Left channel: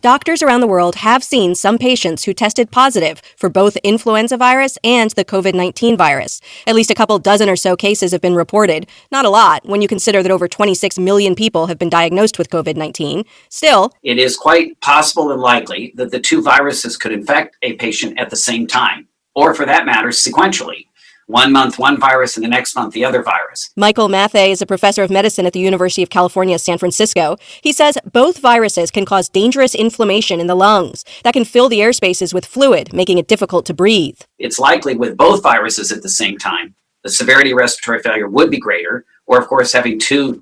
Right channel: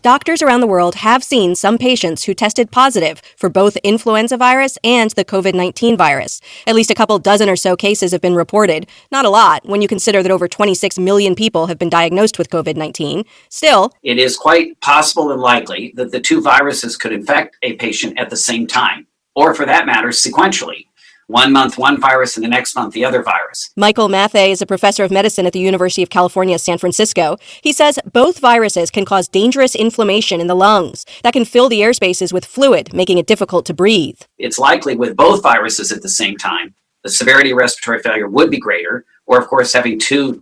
Doctors around the world have seen some patients who tested positive for both influenza virus and the COVID-19 virus. At least a couple dozen or so cases have been reported. Not a lot when you consider that over 26 million people have been diagnosed with COVID-19. Still, it is quite possible and likely that the two viruses could infect a patient at the same time, or for that matter, sequentially. 1 month, one virus, and the next month, the other virus. Michael Mathey is a professor of medicine at the University of California, San Francisco. He says both viruses can cause dangerous inflammation in the lungs that can fill the air spaces with fluid, making it difficult to breathe. It's likely with both viruses at the same time, the severity of respiratory failure would be greater, or of course having two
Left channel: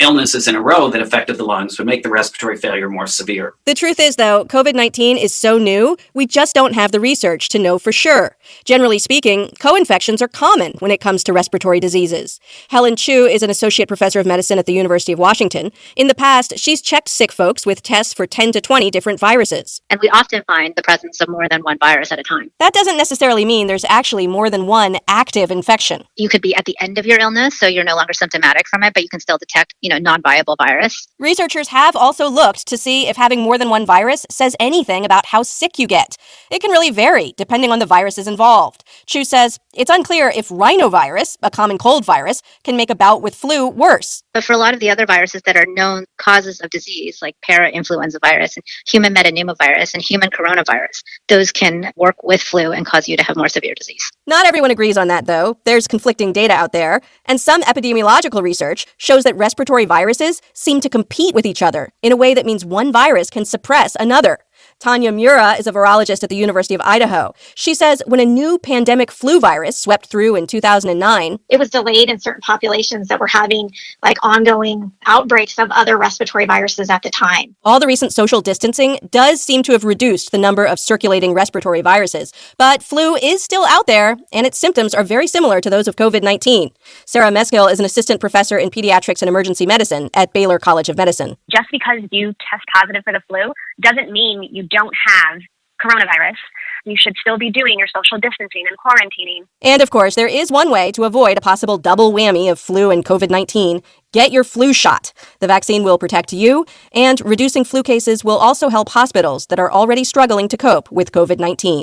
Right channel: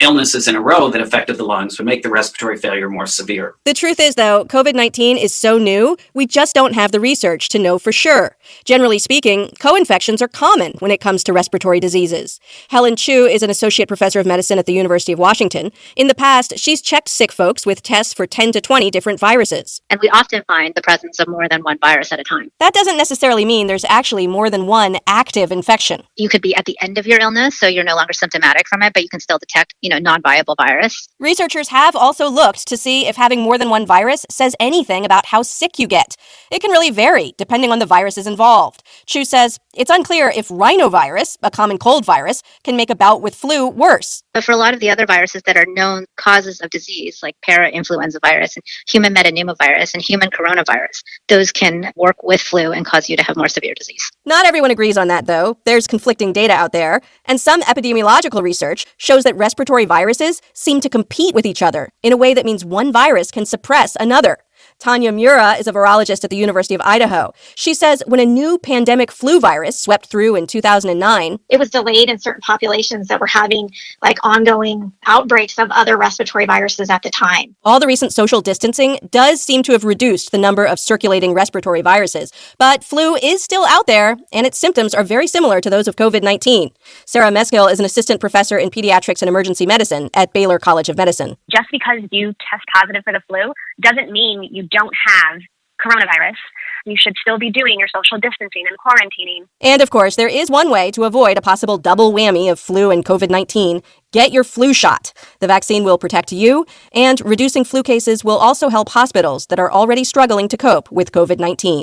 illnesses in a row that affected the lungs would make the respiratory failure more severe. The truth is, though, COVID-19 is so new, we just don't have the research to know for sure. Generally speaking, co-infections are common when it comes to respiratory diseases. Helen Chu is an associate professor of medicine at the University of Washington. In the past, she's checked sick folks with tests for 10 to 20 different viruses. And we often find the presence of more than one virus at a time. That doesn't necessarily mean there's actually more than one active infection. You could be at the end of your illness, so you're no longer symptomatic from it, but you can still detect, non-viable virus. Researchers have also looked to see if having more than one virus says anything about how sick you get. It can really vary depending on the viruses involved. Chu says it's unclear if rhinovirus, a common cold virus, can make a bout with flu worse. But for a lot of the other viruses that are known causes of disease, like parainfluenza virus, and human metapneumovirus, and human coronavirus, those can work with flu and cause you to have more severe disease. Not everyone agrees on that, though. There's conflicting data out there, and some epidemiological research shows that respiratory viruses seem to compete with each other in a way that means one virus can suppress another. Tanya Mura is a virologist at the University of Idaho. She says when a new pandemic flu virus swept through in 2009, it was delayed in certain populations that were having ongoing outbreaks of other respiratory viruses at the time. All the recent social distancing does seem to have reduced the number of circulating respiratory viruses, but flu is still out there, and its symptoms are very similar to those of COVID-19. Sarah Meskill is an assistant professor in pediatrics and emergency medicine at Baylor College of Medicine. Just because you test positive for the flu doesn't mean you don't have coronavirus. You should still be doing your social distancing and quarantining. And of course, there is one way to avoid a possible double whammy of flu and COVID-19. Get your flu shot. The vaccine will protect you, and reducing flu cases will also help hospitals that are already struggling to cope with COVID-19.